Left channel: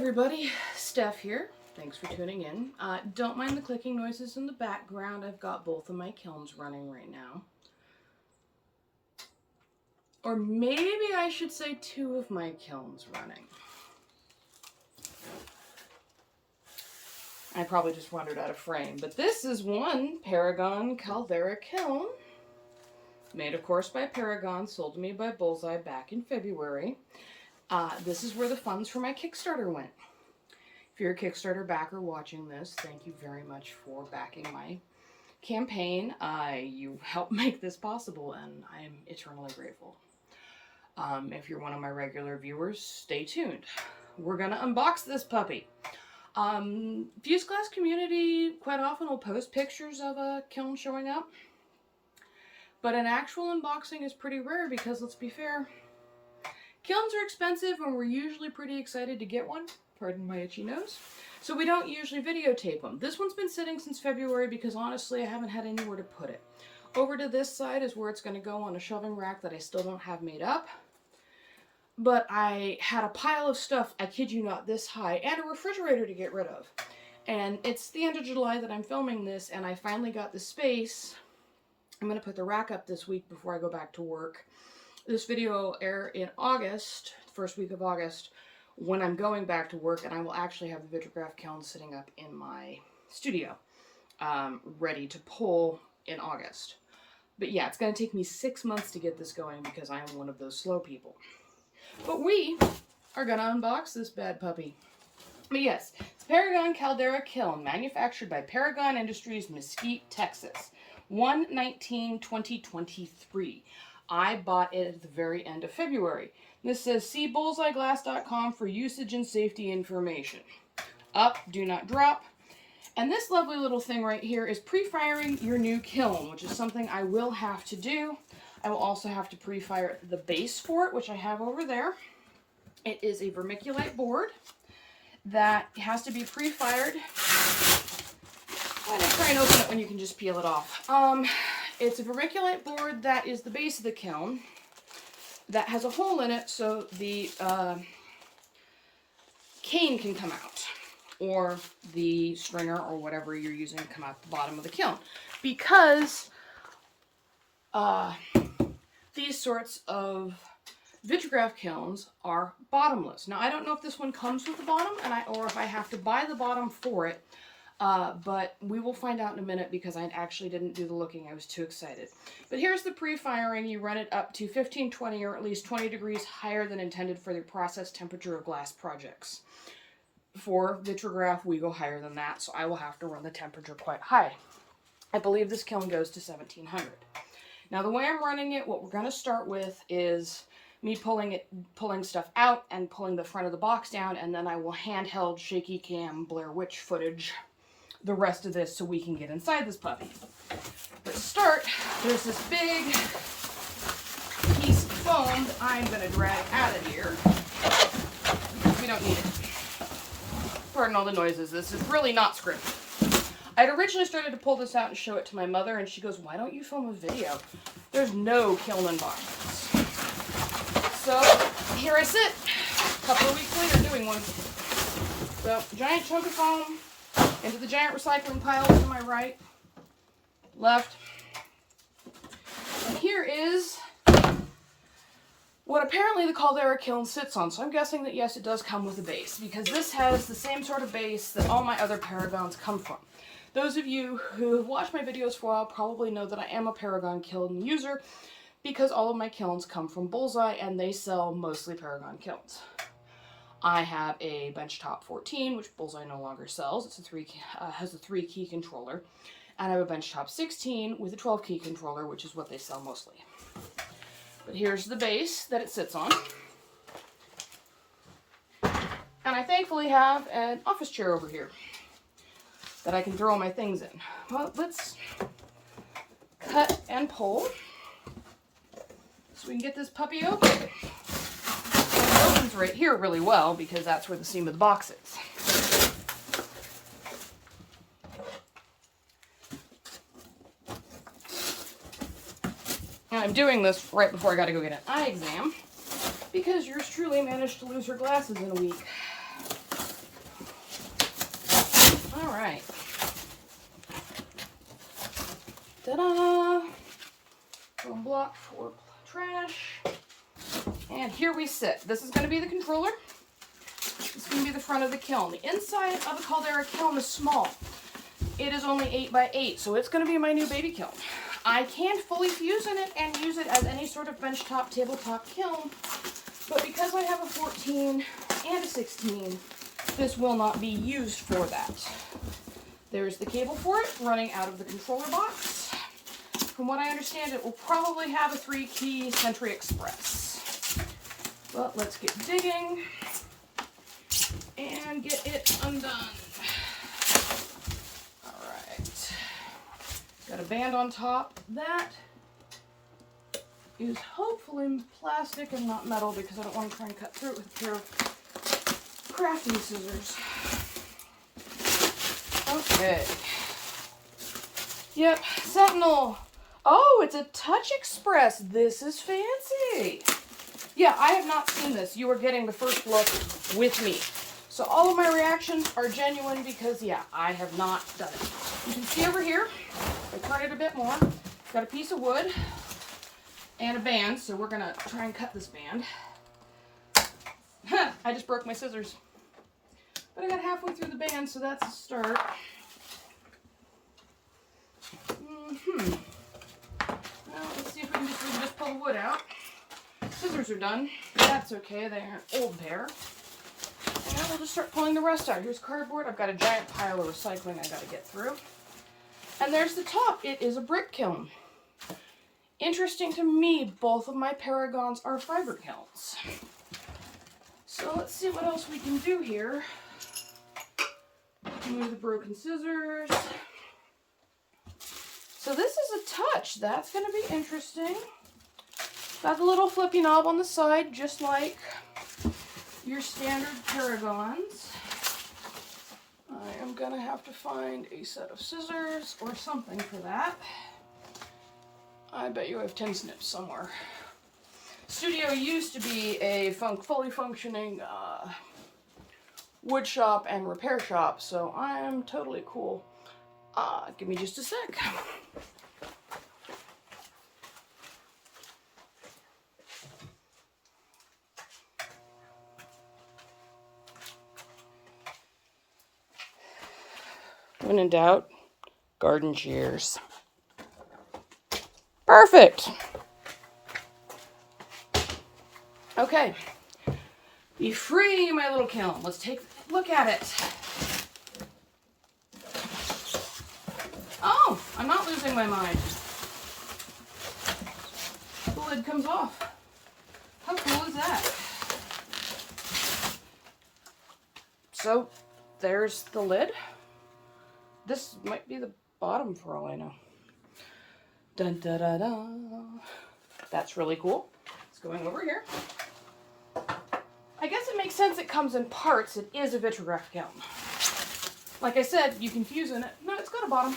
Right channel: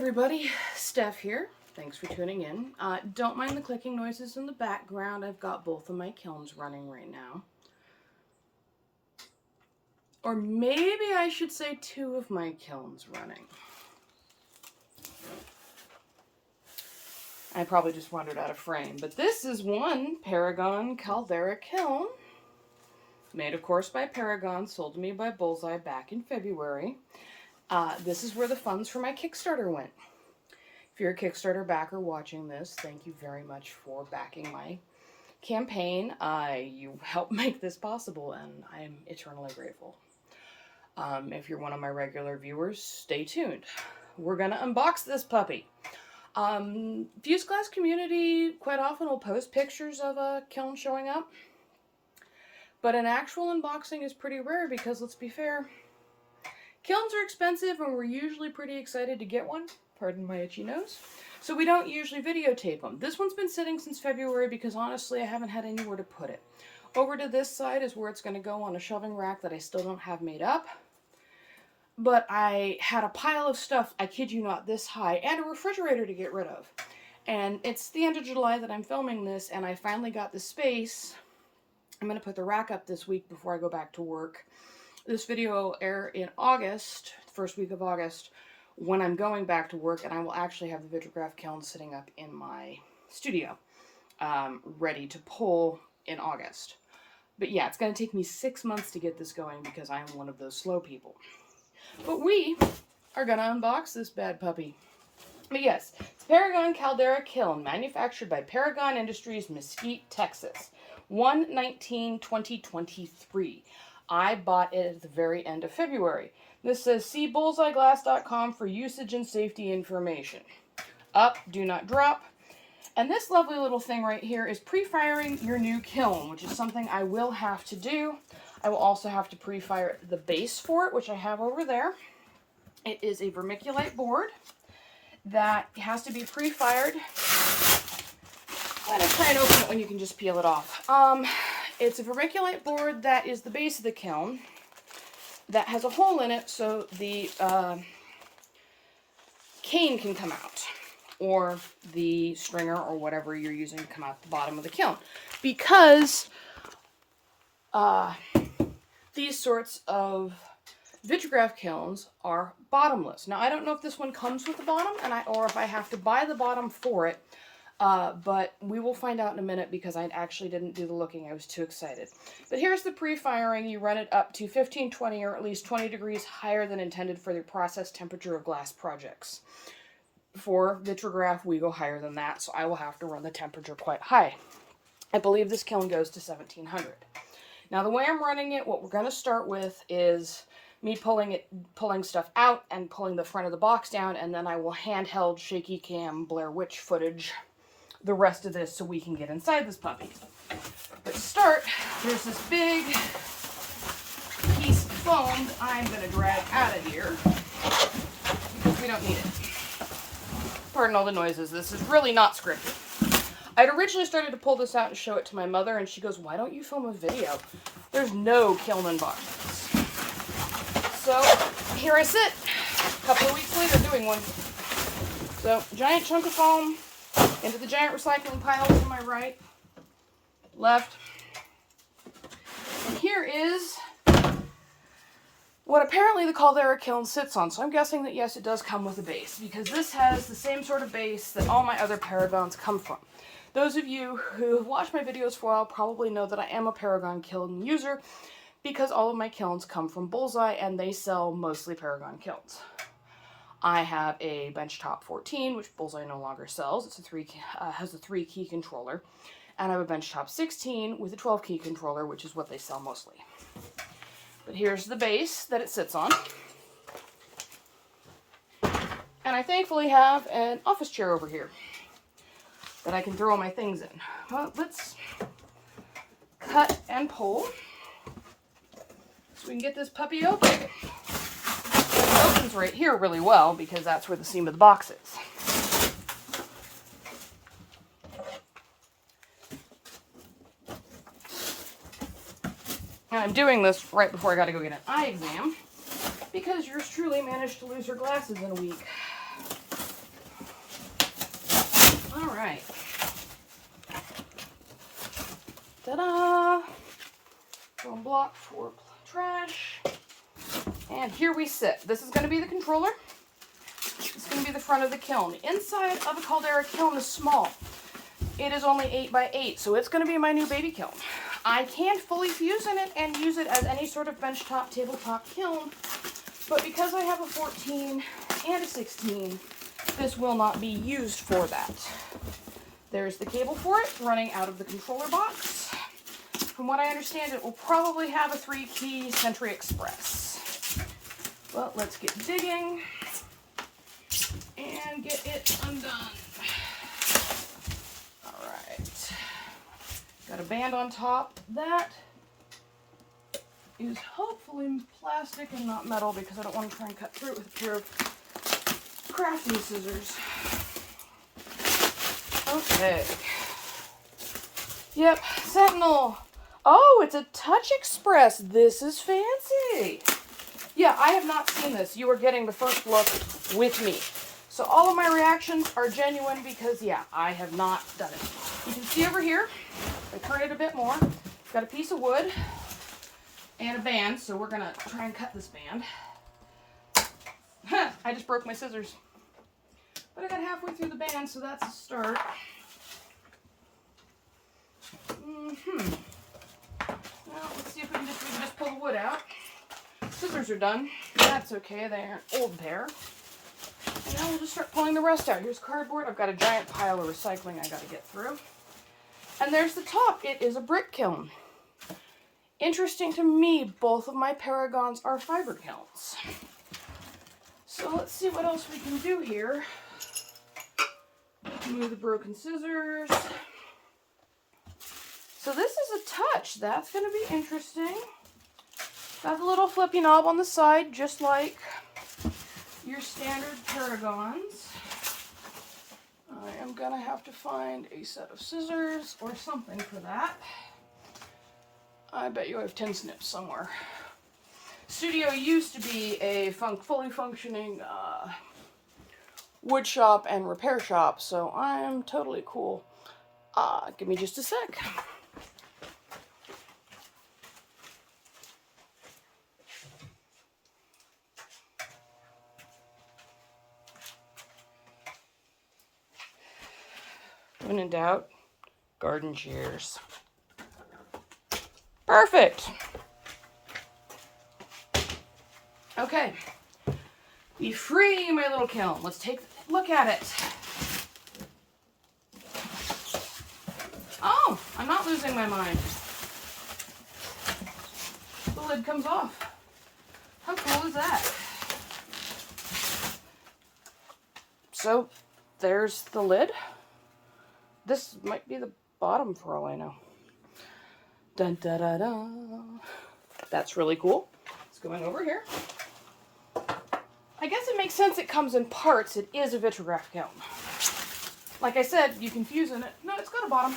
everybody, Steph here. Thanks for tuning in. Don't mind the clicking noises in the background. I've got both of my kilns running right now. Or maybe I should say two of my kilns running. I probably just wandered out of frame, but this is one Paragon Caldera kiln. Made, of course, by Paragon, sold to me by Bullseye back in February. This is where the funds for my Kickstarter went. If you're a Kickstarter backer watching this, thank you very much for backing my campaign. You helped make this possible, and I'm eternally grateful. If you're one of my regular viewers, stay tuned. We're going to unbox this puppy. Fuse Glass community quite often will post pictures of a kiln showing up, but an actual unboxing is pretty rare because, let's be fair, kilns are expensive and we're usually pretty excited to get one. Pardon my itchy nose. So we don't usually videotape them. This one's been sitting since February because honestly I haven't had anywhere to put it. Over to this side is where it's going to go on a shelving rack that I still don't have made up. But I had a pile of stuff, I kid you not, this high, and a refrigerator to get rid of. And it's the end of July that I'm filming this, and I finally got the space. I'm going to put the rack up this week before I go back to work. This video will air in August, first week of August, when I'm going back to work, and I will actually have the Vitrigraph Kiln sitting up in my studio, ready to pull in August. But yeah, it's going to take me 6 months to get this going because I am one of those slow people. But we are going to unbox this bad puppy. But yes, it's Paragon Caldera Kiln, manufactured by Paragon Industries, Mesquite, Texas. 1/19/2023. I bought it at the very end of February. This says, see bullseyeglass.com for usage and safety information. Up, do not drop. And this lovely little thing right here is pre-firing your new kiln, which is something I will have to do. I will also have to pre-fire the base for it, which I have over there. It is a vermiculite board that has to be pre-fired. I'm going to try and open it when you can just peel it off. It's a vermiculite board that is the base of the kiln that has a hole in it so the cane can come out, or the stringer or whatever you're using to come out the bottom of the kiln. Because these sorts of Vitrigraph kilns are bottomless. Now, I don't know if this one comes with the bottom, or if I have to buy the bottom for it, but we will find out in a minute because I actually didn't do the looking. I was too excited. But here's the pre-firing. You run it up to 15, 20, or at least 20 degrees higher than intended for the process temperature of glass projects. For Vitrigraph, we go higher than that, so I will have to run the temperature quite high. I believe this kiln goes to 1700. Now, the way I'm running it, what we're going to start with is me pulling stuff out and pulling the front of the box down, and then I will handheld shaky cam Blair Witch footage the rest of this so we can get inside this puppy. But to start, there's this big piece of foam that I'm going to drag out of here because we don't need it. Pardon all the noises. This is really not scripted. I'd originally started to pull this out and show it to my mother, and she goes, why don't you film a video? There's no kiln unboxings. So here I sit, a couple of weeks later doing one. So giant chunk of foam into the giant recycling pile to my right, left. And here is what apparently the Caldera kiln sits on. So I'm guessing that yes, it does come with a base, because this has the same sort of base that all my other Paragons come from. Those of you who have watched my videos for a while probably know that I am a Paragon kiln user because all of my kilns come from Bullseye and they sell mostly Paragon kilns. I have a benchtop 14, which Bullseye no longer sells. It's has a 3-key controller. And I have a benchtop 16 with a 12-key controller, which is what they sell mostly. But here's the base that it sits on. And I thankfully have an office chair over here that I can throw my things in. Well, let's cut and pull so we can get this puppy open. It opens right here really well because that's where the seam of the box is. And I'm doing this right before I got to go get an eye exam because yours truly managed to lose her glasses in a week. right. Ta-da! One block for trash. And here we sit. This is going to be the controller. This is going to be the front of the kiln. The inside of the Caldera kiln is small. It is only 8 by 8, so it's going to be my new baby kiln. I can fully fuse in it and use it as any sort of benchtop, tabletop kiln, but because I have a 14 and a 16, this will not be used for that. There's the cable for it running out of the controller box. From what I understand, it will probably have a 3-key Century Express. But let's get digging and get it undone. Alright. Got a band on top. That is hopefully plastic and not metal because I don't want to try and cut through it with a pair of crafting scissors. Okay. Yep, Sentinel. Oh, it's a Touch Express. This is fancy. Yeah, I have not seen this. You are getting the first look with me. So all of my reactions are genuine because, yeah, I have not done it. You can see over here, if I turn it a bit more, got a piece of wood and a band, so we're going to try and cut this band. I just broke my scissors. But I got halfway through the band, so that's a start. Well, let's see if we can just pull the wood out. Scissors are done. That's okay, they're an old pair. And now we'll just start pulling the rest out. Here's cardboard. I've got a giant pile of recycling I got to get through. And there's the top. It is a brick kiln. Interesting to me, both of my Paragons are fiber kilns. So let's see what else we can do here. Move the broken scissors. So this is a touch. That's going to be interesting. Got the little flippy knob on the side, just like your standard Paragons. I am going to have to find a set of scissors or something for that. I bet you I have tin snips somewhere. Studio used to be a fully functioning wood shop and repair shop, so I'm totally cool. Give me just a sec. When in doubt, garden shears. Perfect. Okay. Be free, my little kiln. Let's take a look at it. Oh, I'm not losing my mind. The lid comes off. How cool is that? So, there's the lid. This might be the bottom for all I know. Dun da da da. That's really cool. It's going over here. I guess it makes sense it comes in parts. It is a Vitrigraph Kiln. Like I said, you can fuse in it. No, it's got a bottom.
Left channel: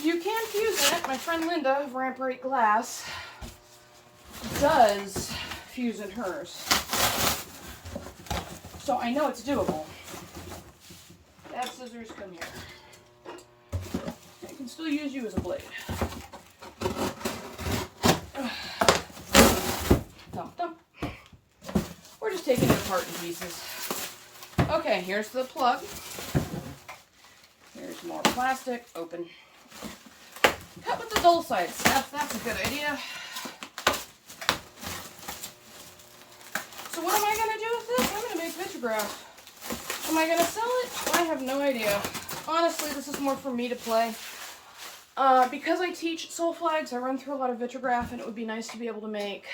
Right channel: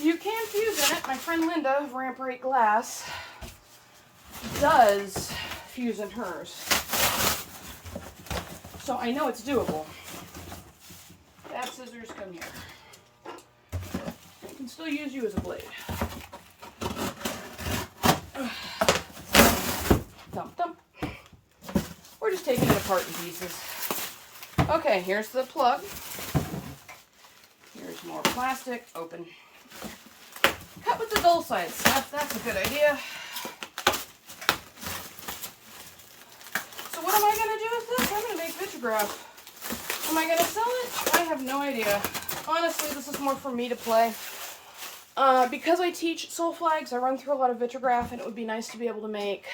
You can fuse in it. My friend Linda of Ramp Rate Glass does fuse in hers. So I know it's doable. Bad scissors, come here. I can still use you as a blade. Dump, dump. We're just taking it apart in pieces. Okay, here's the plug. Here's more plastic. Open. Cut with the dull side stuff. That's a good idea. So what am I going to do with this? I'm going to make Vitrigraph. Am I going to sell it? I have no idea. Honestly, this is more for me to play. Because I teach soul flags, I run through a lot of Vitrigraph, and it would be nice to be able to make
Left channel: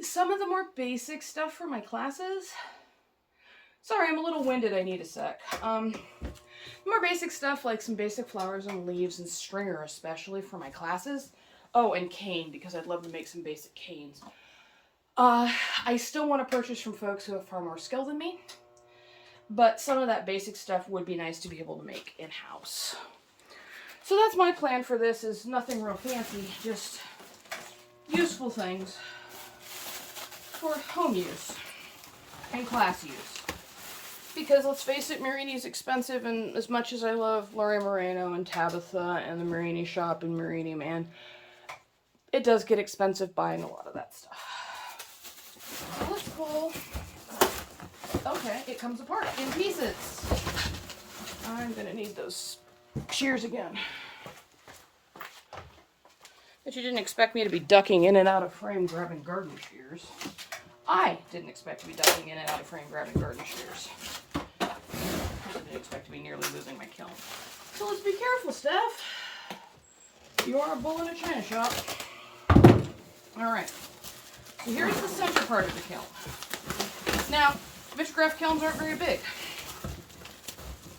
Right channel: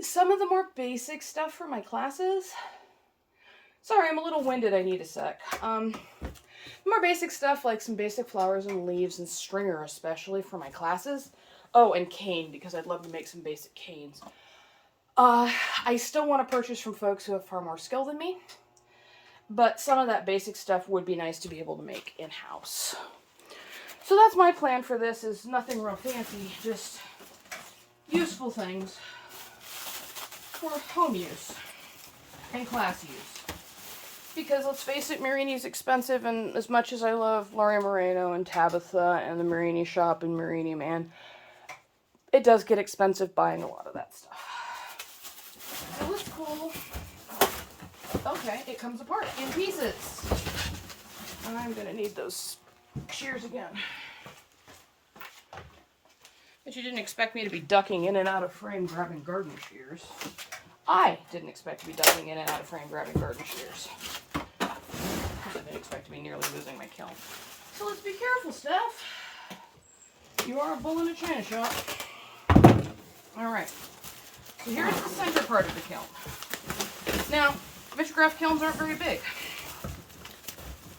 some of the more basic stuff for my classes. Sorry, I'm a little winded. I need a sec. More basic stuff like some basic flowers and leaves and stringer, especially for my classes. Oh, and cane, because I'd love to make some basic canes. I still want to purchase from folks who have far more skill than me. But some of that basic stuff would be nice to be able to make in-house. So that's my plan for this, is nothing real fancy, just useful things for home use and class use. Because let's face it, Marini's expensive, and as much as I love Laurie Moreno and Tabitha and the Marini shop and Marini Man, it does get expensive buying a lot of that stuff. That was cool. Okay, it comes apart in pieces. I'm gonna need those shears again. But you didn't expect me to be ducking in and out of frame grabbing garden shears. I didn't expect to be ducking in and out of frame grabbing garden shears. I didn't expect to be nearly losing my kiln. So let's be careful, Steph. You are a bull in a china shop. Alright. So here's the center part of the kiln. Now, Vitrigraph kilns aren't very big.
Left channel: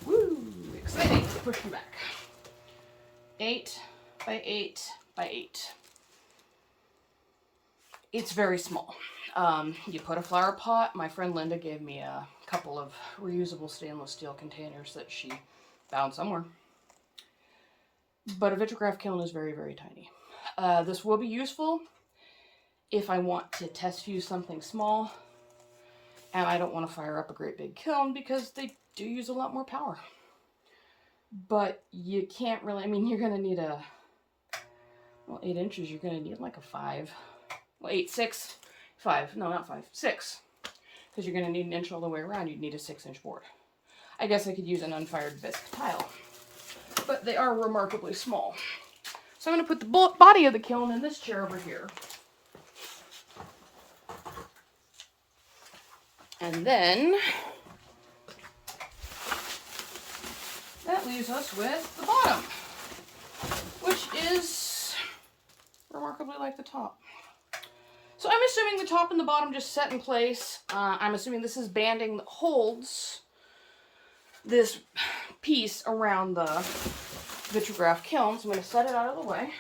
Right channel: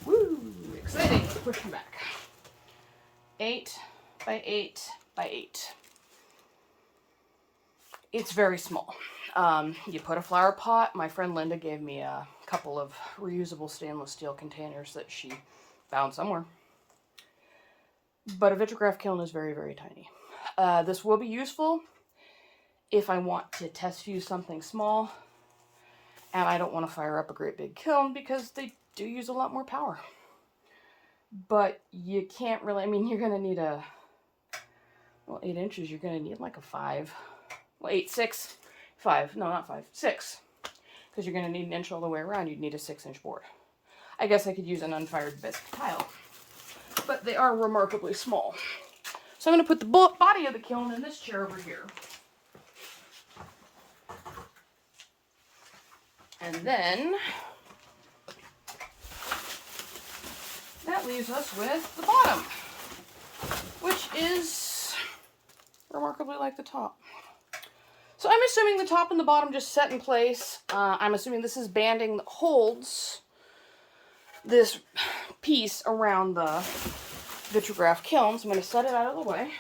Woo! Exciting. Push me back. 8 by 8 by 8. It's very small. You put a flower pot. My friend Linda gave me a couple of reusable stainless steel containers that she found somewhere. But a Vitrigraph kiln is very, very tiny. This will be useful if I want to test fuse something small and I don't want to fire up a great big kiln because they do use a lot more power. But you can't really, I mean, you're going to need a, well, 8 inches, you're going to need like a 5. Well, 8, 6, 5. No, not 5, 6. Because you're going to need an inch all the way around. You'd need a 6-inch board. I guess I could use an unfired bisque tile. But they are remarkably small. So I'm going to put the body of the kiln in this chair over here. And then that leaves us with the bottom, which is remarkably like the top. So I'm assuming the top and the bottom just set in place. I'm assuming this is banding that holds this piece around the Vitrigraph kiln. So I'm going to set it out of the way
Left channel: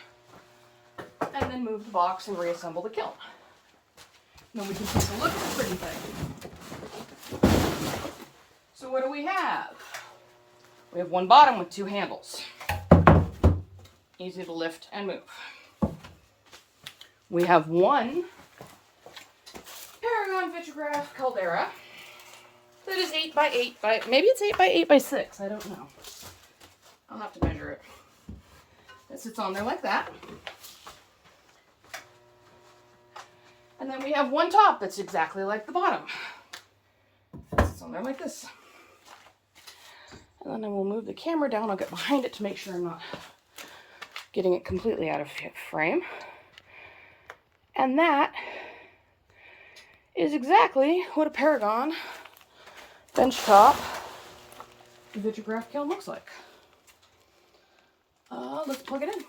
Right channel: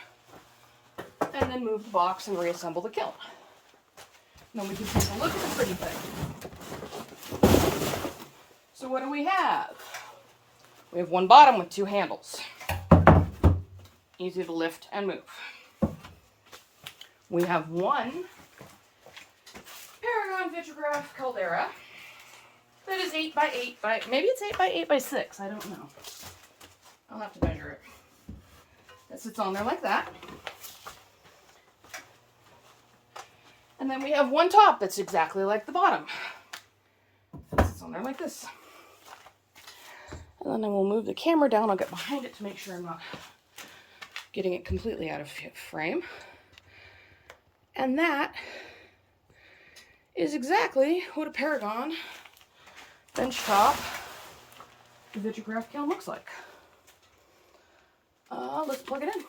and then move the box and reassemble the kiln. Then we can take a look at the pretty thing. So what do we have? We have one bottom with 2 handles. Easy to lift and move. We have one Paragon Vitrigraph Caldera that is 8 by 8 by, maybe it's 8 by 8 by 6, I don't know. I'll have to measure it. It sits on there like that. And then we have one top that's exactly like the bottom. It sits on there like this. And then I will move the camera down. I'll get behind it to make sure I'm not getting it completely out of frame. And that is exactly what a Paragon benchtop Vitrigraph kiln looks like. Let's plug it in.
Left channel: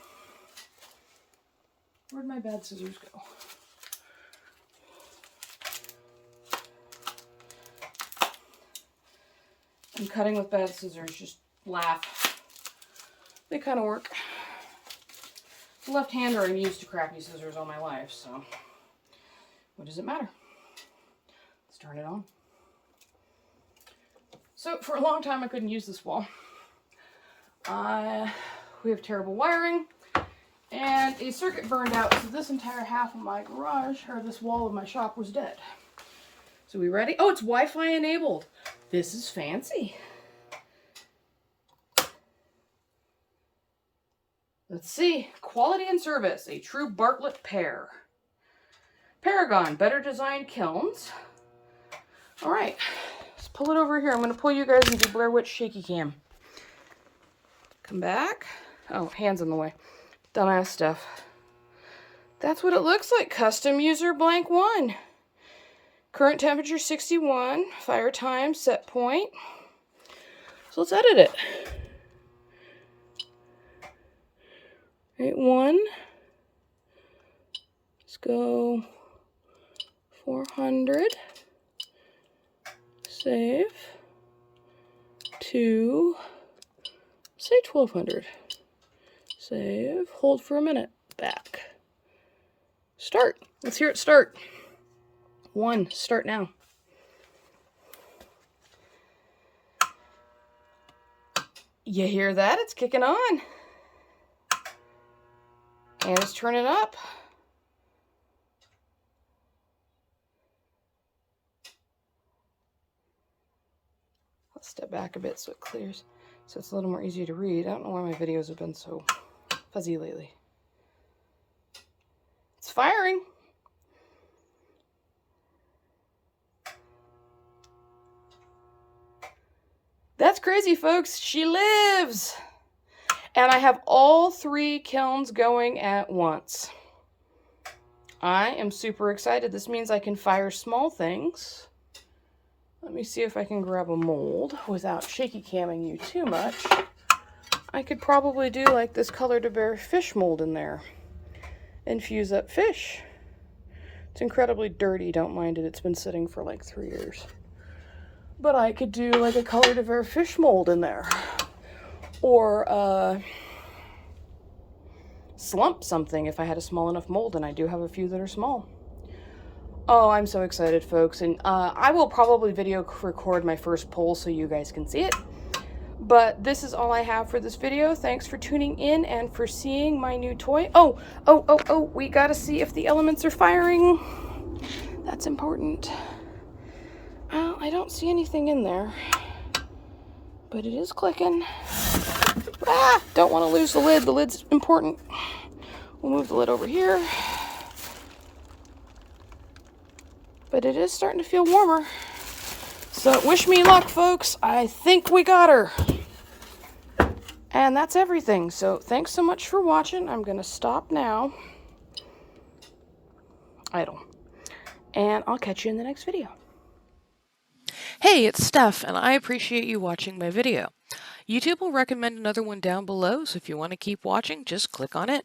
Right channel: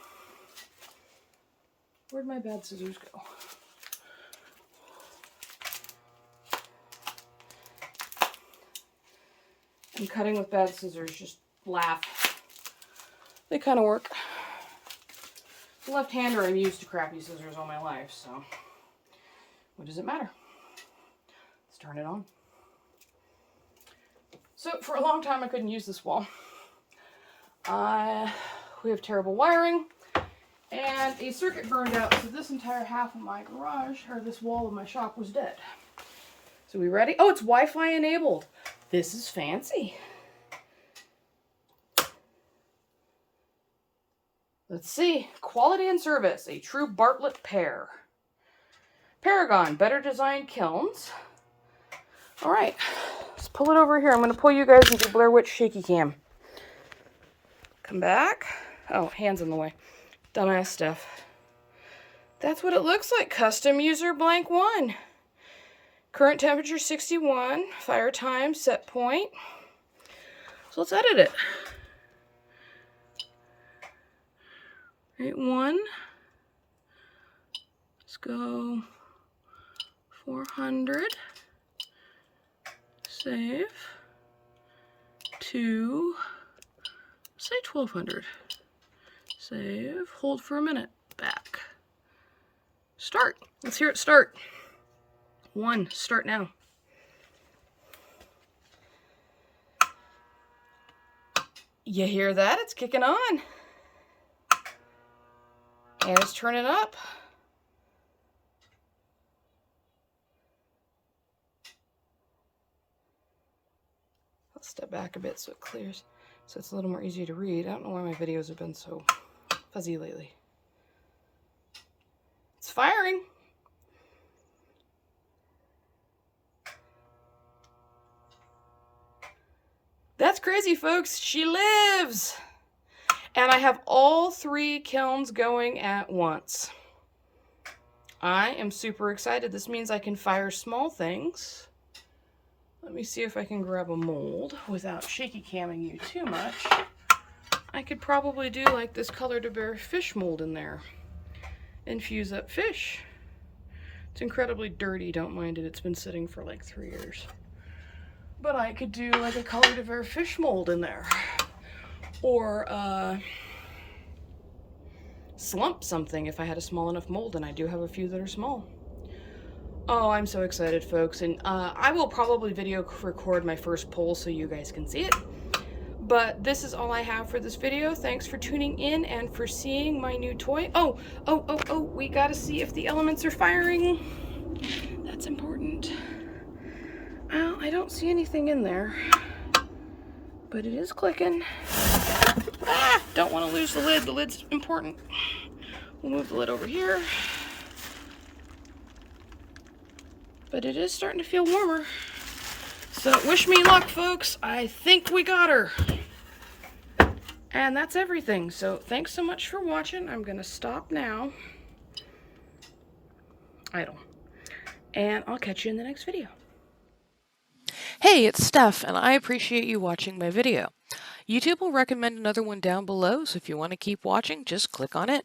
Where'd my bad scissors go? And cutting with bad scissors, just laugh. They kind of work. Left-hander, I'm used to crappy scissors all my life, so what does it matter? Let's turn it on. So for a long time I couldn't use this wall. We have terrible wiring, and a circuit burned out, so this entire half of my garage, or this wall of my shop, was dead. So we ready? Oh, it's Wi-Fi enabled. This is fancy. Let's see. Quality and service. A true Bartlett pair. Paragon. Better designed kilns. All right. Let's pull it over here. I'm going to pull you guys into Blair Witch shaky cam. Come back. Oh, hands in the way. Dumbass stuff. That's what it looks like. Custom user blank 1. Current temperature 61. Fire time set point. So let's edit it. 8-1. Let's go 400. Save. 2. Say 1200. Save. Hold for a minute. Back. Start. Let's hear it start. 1. Start now. You hear that? It's kicking on. And it's turning up. step back a bit so it clears, so it's a little more easy to read. I don't know why my videos have been so fuzzy lately. It's firing. That's crazy, folks. She lives. And I have all 3 kilns going at once. I am super excited. This means I can fire small things. Let me see if I can grab a mold without shaky camming you too much. I could probably do like this Caldera fish mold in there. Infuse up fish. It's incredibly dirty, don't mind it. It's been sitting for like 3 years. But I could do like a Caldera fish mold in there. Or slump something if I had a small enough mold, and I do have a few that are small. Oh, I'm so excited, folks. And I will probably video record my first poll so you guys can see it. But this is all I have for this video. Thanks for tuning in and for seeing my new toy. Oh, we gotta see if the elements are firing. That's important. Oh, I don't see anything in there, but it is clicking. Ah, don't want to lose the lid. The lid's important. We'll move the lid over here. But it is starting to feel warmer. So wish me luck, folks. I think we got her. And that's everything. So thanks so much for watching. I'm going to stop now. Idle. And I'll catch you in the next video. Hey, it's Steph, and I appreciate you watching my video. YouTube will recommend another one down below, so if you want to keep watching, just click on it.